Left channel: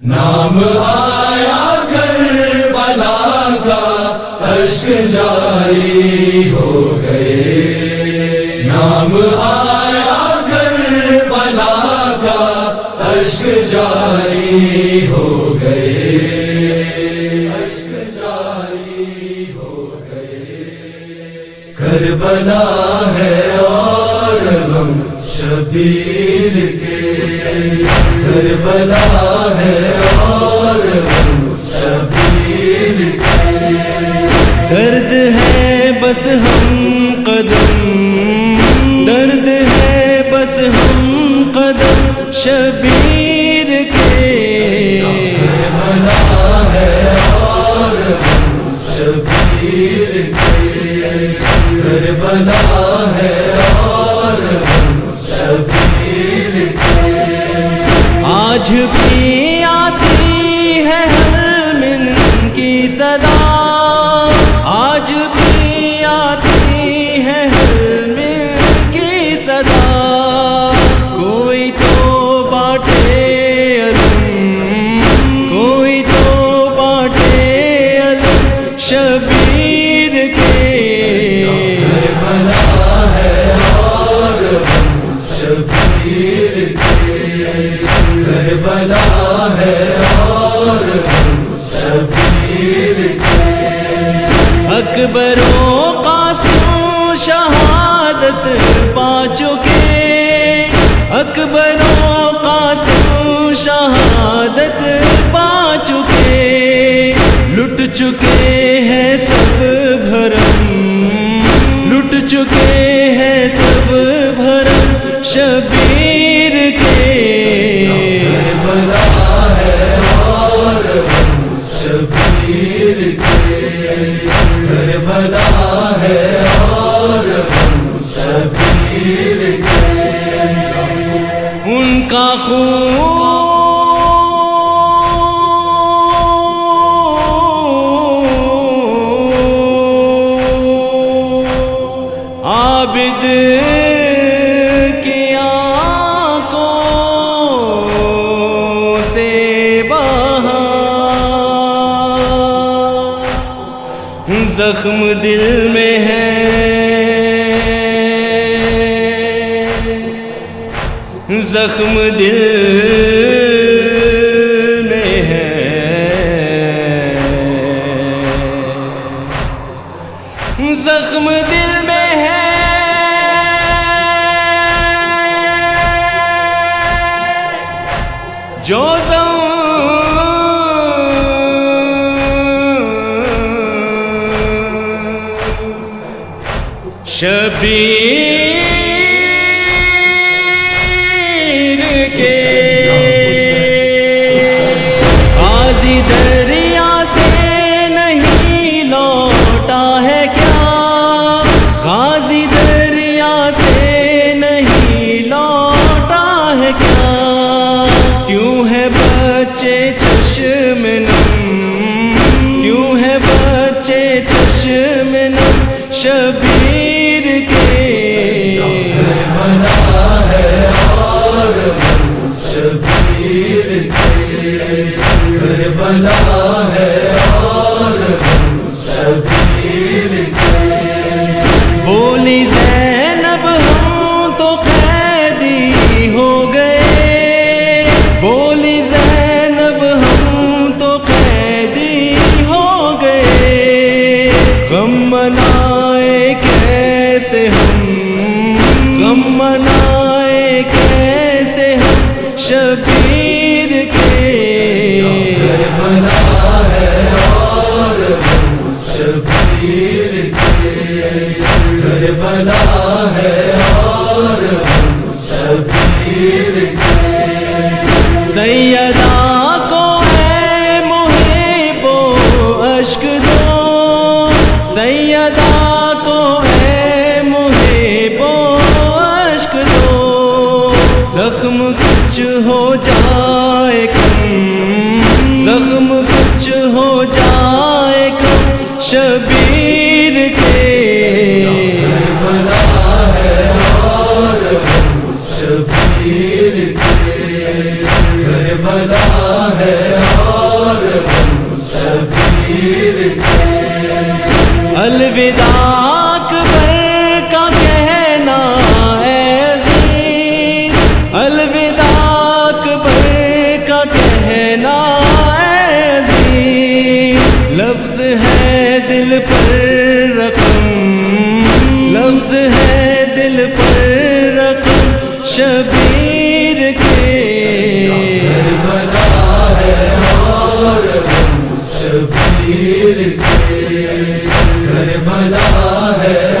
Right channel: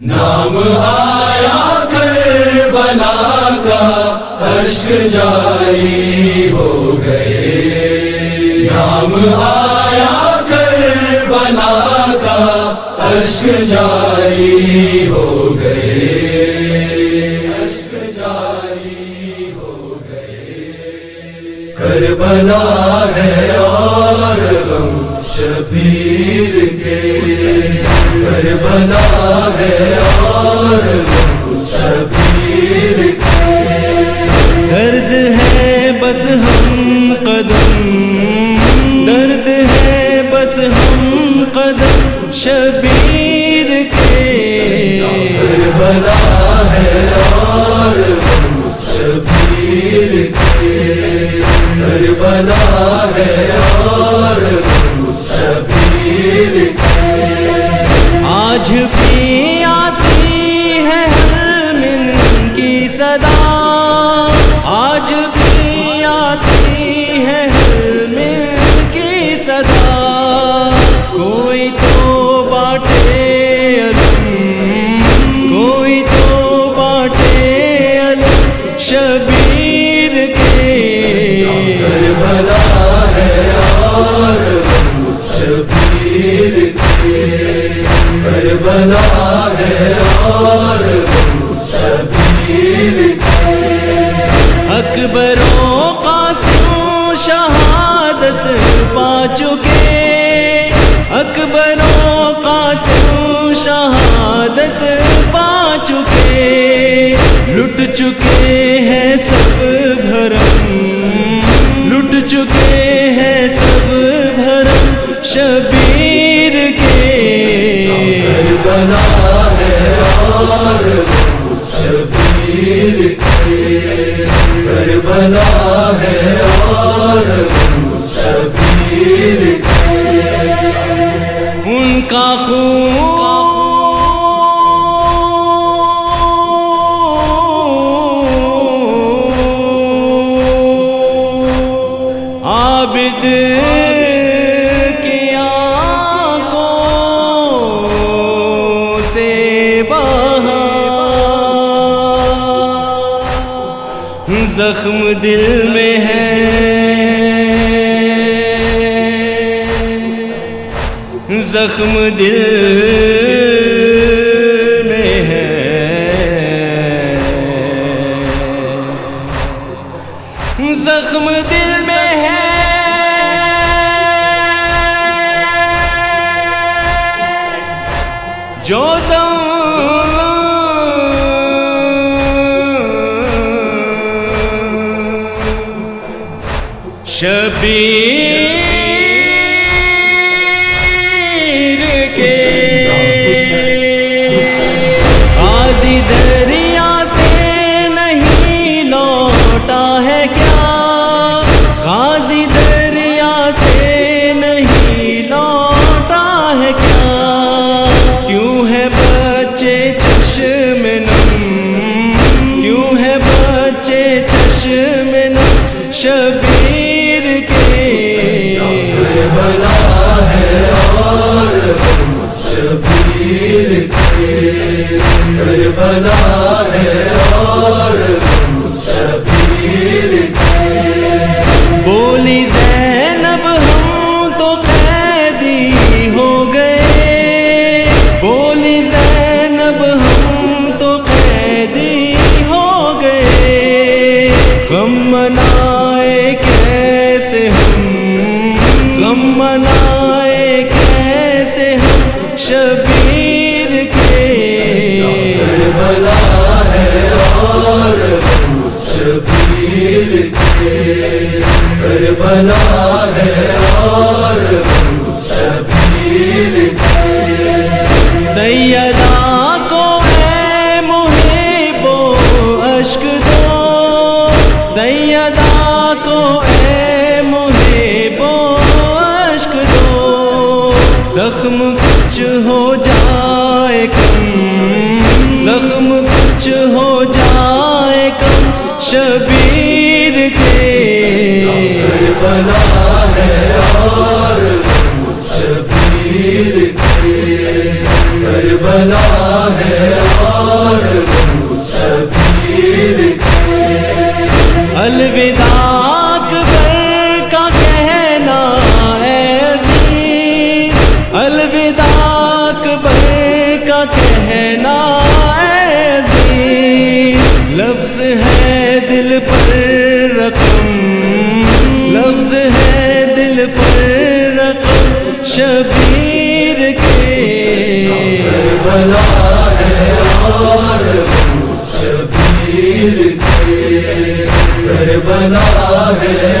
نام آیا کربلا کا اشک جاری ہو گئے، نام آیا کربلا کا اشک جاری ہو گئے، اشک جاری ہو گئے۔ کربلا ہے اور غم شبیر کے، کربلا ہے اور غم شبیر کے۔ درد ہے بس ہم قدم، درد ہے بس ہم قدم شبیر کے۔ کربلا ہے اور غم شبیر کے، کربلا ہے اور غم شبیر کے۔ آج بھی آتی ہے حلمن کی صدا، آج بھی آتی ہے حلمن کی صدا۔ کوئی تو بانٹے علم، کوئی تو بانٹے علم شبیر کے۔ کربلا ہے اور غم شبیر کے، کربلا ہے اور غم شبیر کے۔ اکبر و قاسم شہادت پا چکے، اکبر و قاسم شہادت پا چکے۔ لٹ چکے ہیں سب بھرم، لٹ چکے ہیں سب بھرم شبیر کے۔ کربلا ہے اور غم شبیر کے، کربلا ہے اور غم شبیر کے۔ ان کا خون عابد کی آنکھوں سے بہا، زخم دل میں ہے، زخم دل میں ہے، زخم دل میں ہے۔ جو شبیر کے غازی دریا سے نہیں لوٹا ہے کیا، غازی دریا سے نہیں لوٹا ہے کیا۔ کیوں ہے بچے چشم نم، کیوں ہے بچے چشم نم شبیر کے۔ کربلا ہے اور غم شبیر کے، کربلا ہے اور غم شبیر کے۔ بولی زینب ہم تو قیدی ہو گئے، بولی زینب ہم تو قیدی ہو گئے۔ غم منائے کیسے ہم، غم منائے کیسے ہم شبیر کے۔ کربلا ہے اور غم شبیر کے، کربلا ہے اور غم شبیر کے۔ سیدہ کو اے محب و اشک دو، سیدہ کو اے محب و اشک دو۔ زخم کچھ ہو جائے کم، زخم کچھ ہو جائے کم شبیر کے۔ کربلا ہے اور غم شبیر کے، کربلا ہے الوداع اکبر کا کہنا اے عزیز، الوداع اکبر کا کہنا اے عزیز، لفظ ہے دل پر رقم، لفظ ہے دل پر رقم شبیر کے، کربلا ہے اور شبیر کی، کربلا ہے